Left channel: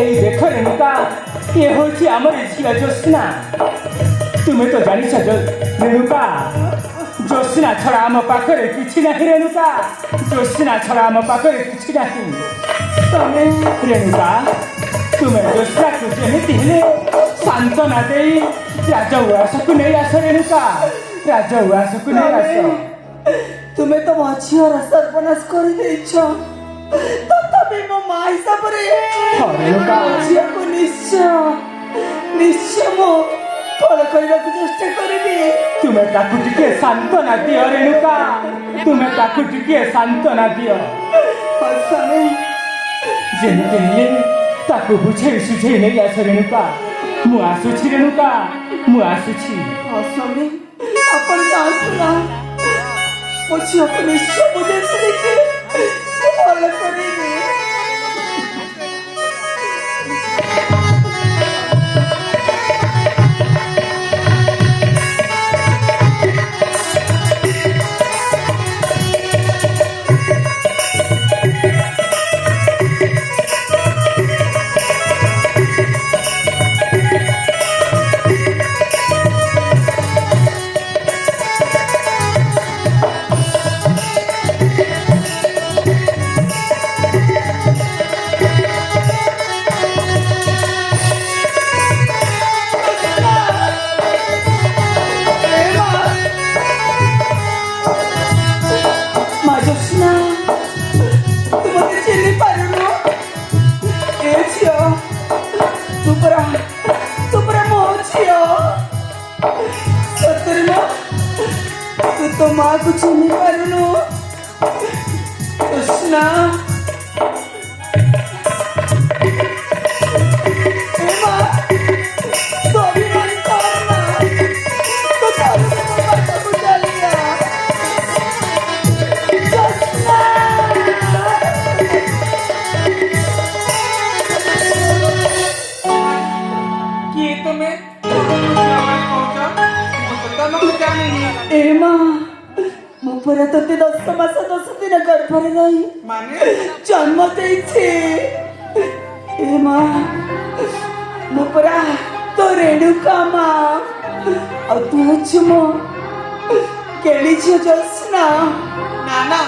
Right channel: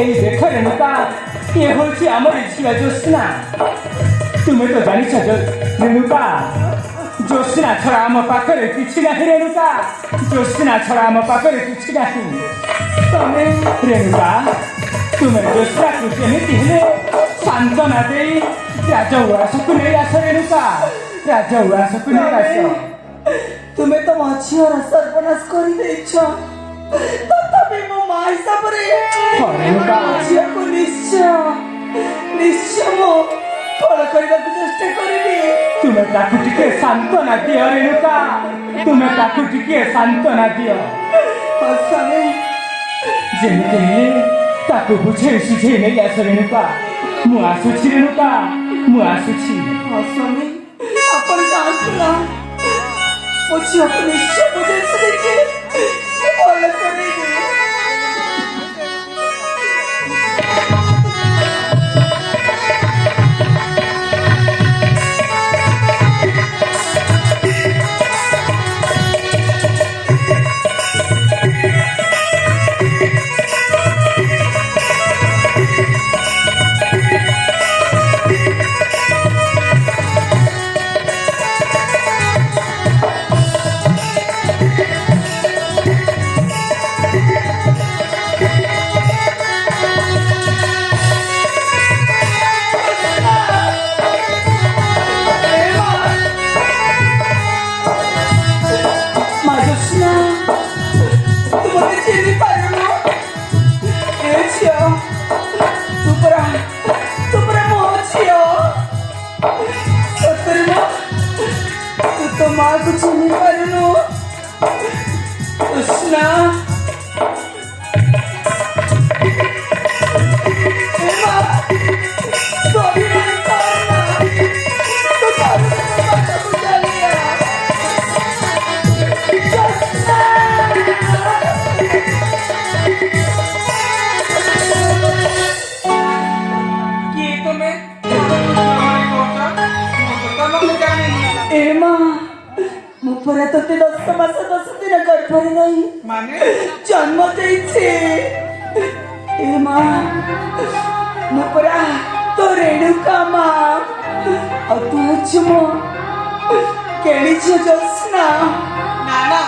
এই দেখো রেণুকা, এ হচ্ছে আমার ঝিয়া জ্যোৎস্না। তুমি তো জানিছ রেণুকা, জ্যোৎস্না ছড়া আমার পাখে কিছু নাহি। রেণুকা, জ্যোৎস্না ছড়া আমার পাখে কিছু নাহি। তবে রেণুকা, তুমি জ্যোৎস্নাକୁ ଯେମିତି ହେଲେ ସାନ୍ତ୍ୱନା ଦେଇ ରାଜ ଉଆସକୁ ନେଇ ଆସ। ରେଣୁକା, ରାଜ ଉଆସକୁ ନେଇ ଆସ। ତୁମେ ତ ମୋ ଝିଅର ସର୍ବନାଶ କରିଦେଇଛ, ତଥାପି ମୋ ମା ହିସାବରେ ରେଣୁକା, ଝିଅକୁ ନିଶ୍ଚୟ ମୁଁ ଫଳ କରିବାକୁ ଚେଷ୍ଟା କରିବି। ତୁମେ ତାକୁ ଟିକେ ସାନ୍ତ୍ୱନା ଦିଅ। ରେଣୁକା, ତୁମେ ତାକୁ ଟିକେ ସାନ୍ତ୍ୱନା ଦିଅ। ମୋ ସ୍ୱାମୀ, ଯେମିତି ହେଲେ ତାକୁ ବୁଝେଇ ସୁଝେଇ ନେଇ ଆସ। ରେଣୁକା, ମୁଁ ଆସୁଛି। ରେଣୁକା, ମୁଁ ଆସୁଛି। ମୋ ସ୍ୱାମୀ, ଆପଣ ଯାଆନ୍ତୁ ନା। ମୋ ଝିଅକୁ ନିଶ୍ଚୟ ବୁଝେଇ ସୁଝେଇକି ଭଲ କରିବି। ତତେ 10 ମାସ 10 ଦିନ ଗର୍ଭରେ ରହି ଜନ୍ମ ଦେଇଛି। ଏ ମା, ମୁଁ ପରା ତୋ ରେଣୁକା ମା, ଆଉ ତୁ ହେଉଛୁ ମୋ କେଳି ଝିଅ ଜ୍ୟୋତ୍ସ୍ନା। ନା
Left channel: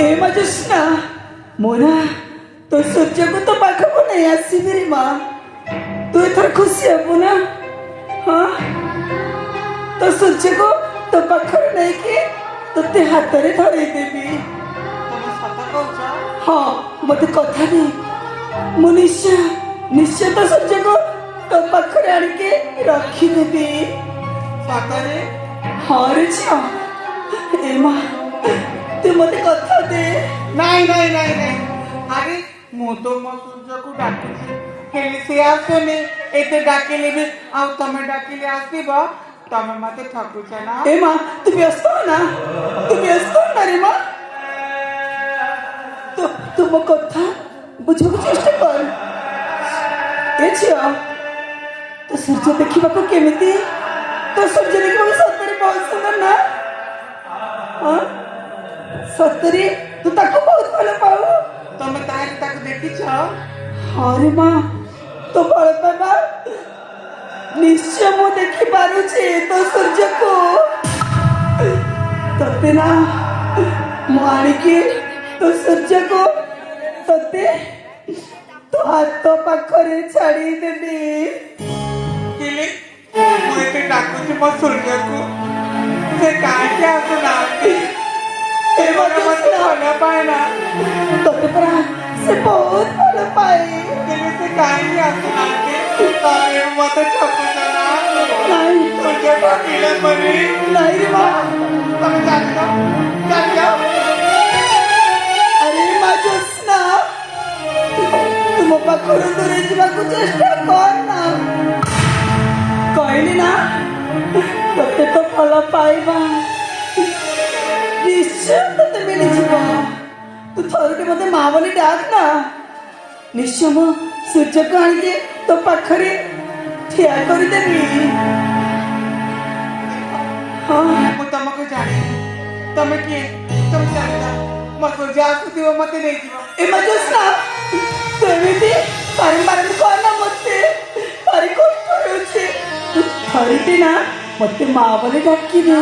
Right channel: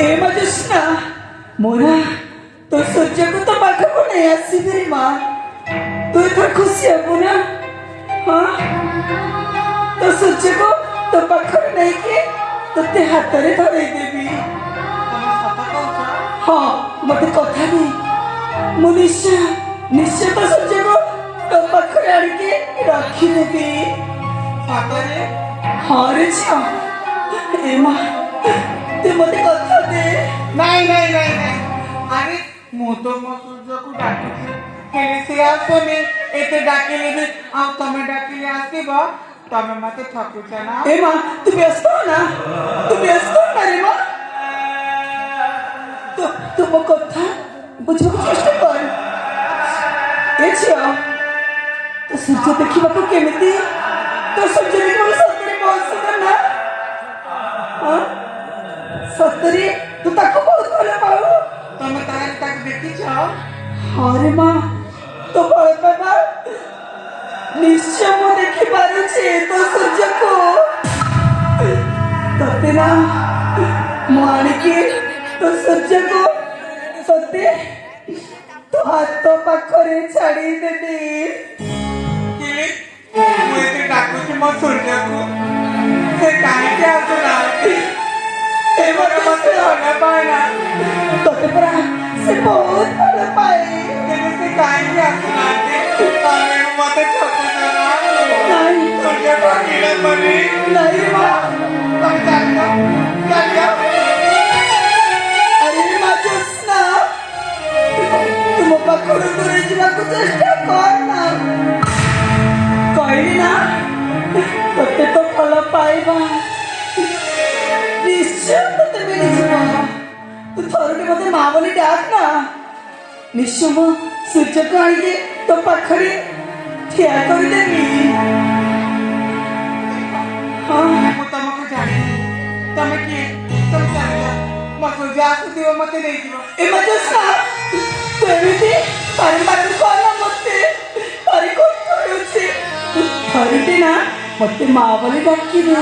ଏ ମା ଜ୍ୟୋତ୍ସ୍ନା, ମୋରା ତୋ ସୂର୍ଯ୍ୟକୁ ତୋ ପାଖକୁ ନେଇ ଆସିବି ରେ ମା। ତୁ ଏଥର ଖୁସି ହେବୁ ନା? ହଁ, ତୋ ସୂର୍ଯ୍ୟକୁ ତୋ ପାଖରେ ନେଇକି ତୋତେ ହାତରେ ଧରେଇ ଦେବି। ହଁ, ମତେ କଥା ଦେ, ମୁଁ ନିଶ୍ଚୟ ତୋ ସୂର୍ଯ୍ୟକୁ ତୋ ପାଖରେ ଆଣିକି ରଖିଦେବି। ହଁ ରେ ଝିଅ। ଏ ମା, ତୁ ମତେ କଥା ଦେ। ନାଇଁ ଆରେ ମୁଁ ତ ମୋ ସୂର୍ଯ୍ୟକୁ ଡାକୁଛି, ହେଲେ ସେ ଆସୁନି। ଏତେ ଡାକିଲେ ବି ଆଉ ତମେ ଡାକିଲେ ଆସିବ? ତମେ ମତେ ଠକୁଛ ନା? ଏ ମା, ତୁ ବ୍ୟସ୍ତ ହ ନା ରେ ମା। ତୁ ମୋ କଥା ବୁଝିବାକୁ ଚେଷ୍ଟା କର। ଏ ଝିଅ, ତୋ ସୂର୍ଯ୍ୟ ଦେଖିବାକୁ କେମିତି? ତୋ ସୂର୍ଯ୍ୟ ଦେଖିବାକୁ ସତରେ ବହୁତ ସୁନ୍ଦର ନା? ସତରେ ତୁ ତାକୁ ବହୁତ ଭଲ ପାଉ? ତମେ ତାକୁ ଦେଖିଛ? ହଁ ରେ ମା, ତୋ ଭଲ ପାଇବା ନିଶ୍ଚୟ ମୁଁ ଦେଖିପାରୁଛି ତୋ ସୂର୍ଯ୍ୟକୁ। ତତେ ନା ମୁଁ ଆଣିକି ତୋ ସୂର୍ଯ୍ୟକୁ ତତେ ତୋ ହାତ ପାଖରେ ଛାଡ଼ିଦେବି। ମୁଁ ଏତେ ଡାକୁଛି ମୋ ସୂର୍ଯ୍ୟକୁ, ସେ କାହିଁକି ଆସୁନାହାନ୍ତି? ଭଲ ପାଏ ନା? ତତେ ପରା ସେ ବହୁତ ଭଲ ପାଏ। ସେ କାହିଁକି ଆସୁନାହାନ୍ତି? ତମେ ମତେ ଠକୁଛ ନା? ନାଇଁ ସୂର୍ଯ୍ୟ ଠକିଲେ ବୋଲି। ନାଇଁ ରେ ମା। ତମେ ଚାଲିଯାଅ। ଆରେ ମା ଜ୍ୟୋତ୍ସ୍ନା, ତୁ ମୋ ପାଖରୁ ଦୂରେଇ ଯିବାକୁ ଚେଷ୍ଟା କର ନା। କହିଲି ନା, ତତେ ତ ଭଲ ପାଇବା ନିଶ୍ଚୟ ତତେ ମିଳିଯିବ। ତୁ ଥରୁଟେ ମତେ ମା ବୋଲି ଡାକ ନା। ନିଶ୍ଚୟ ମୁଁ ସୂର୍ଯ୍ୟକୁ ଆଣିକି ତୋ ପାଖରେ ଠିଆ କରିଦେବି। ହଁ ମୁଁ ତମକୁ ଜାଣିନି ତମେ କିଏ ତମେ ଜାଣିଛ ମୋ ସୂର୍ଯ୍ୟ ଆସିଥିବ ମତେ ନେଇଯିବ। ଏମା ଜୋସ୍ନା ତୁ ଏମିତି ପାଣିବାକୁ କହନା ମତେ ଭାରି କଷ୍ଟ ହେଉଛି। ଥରୁଟି ନା ମତେ ମା ବୋଲି ଡାକିବେ।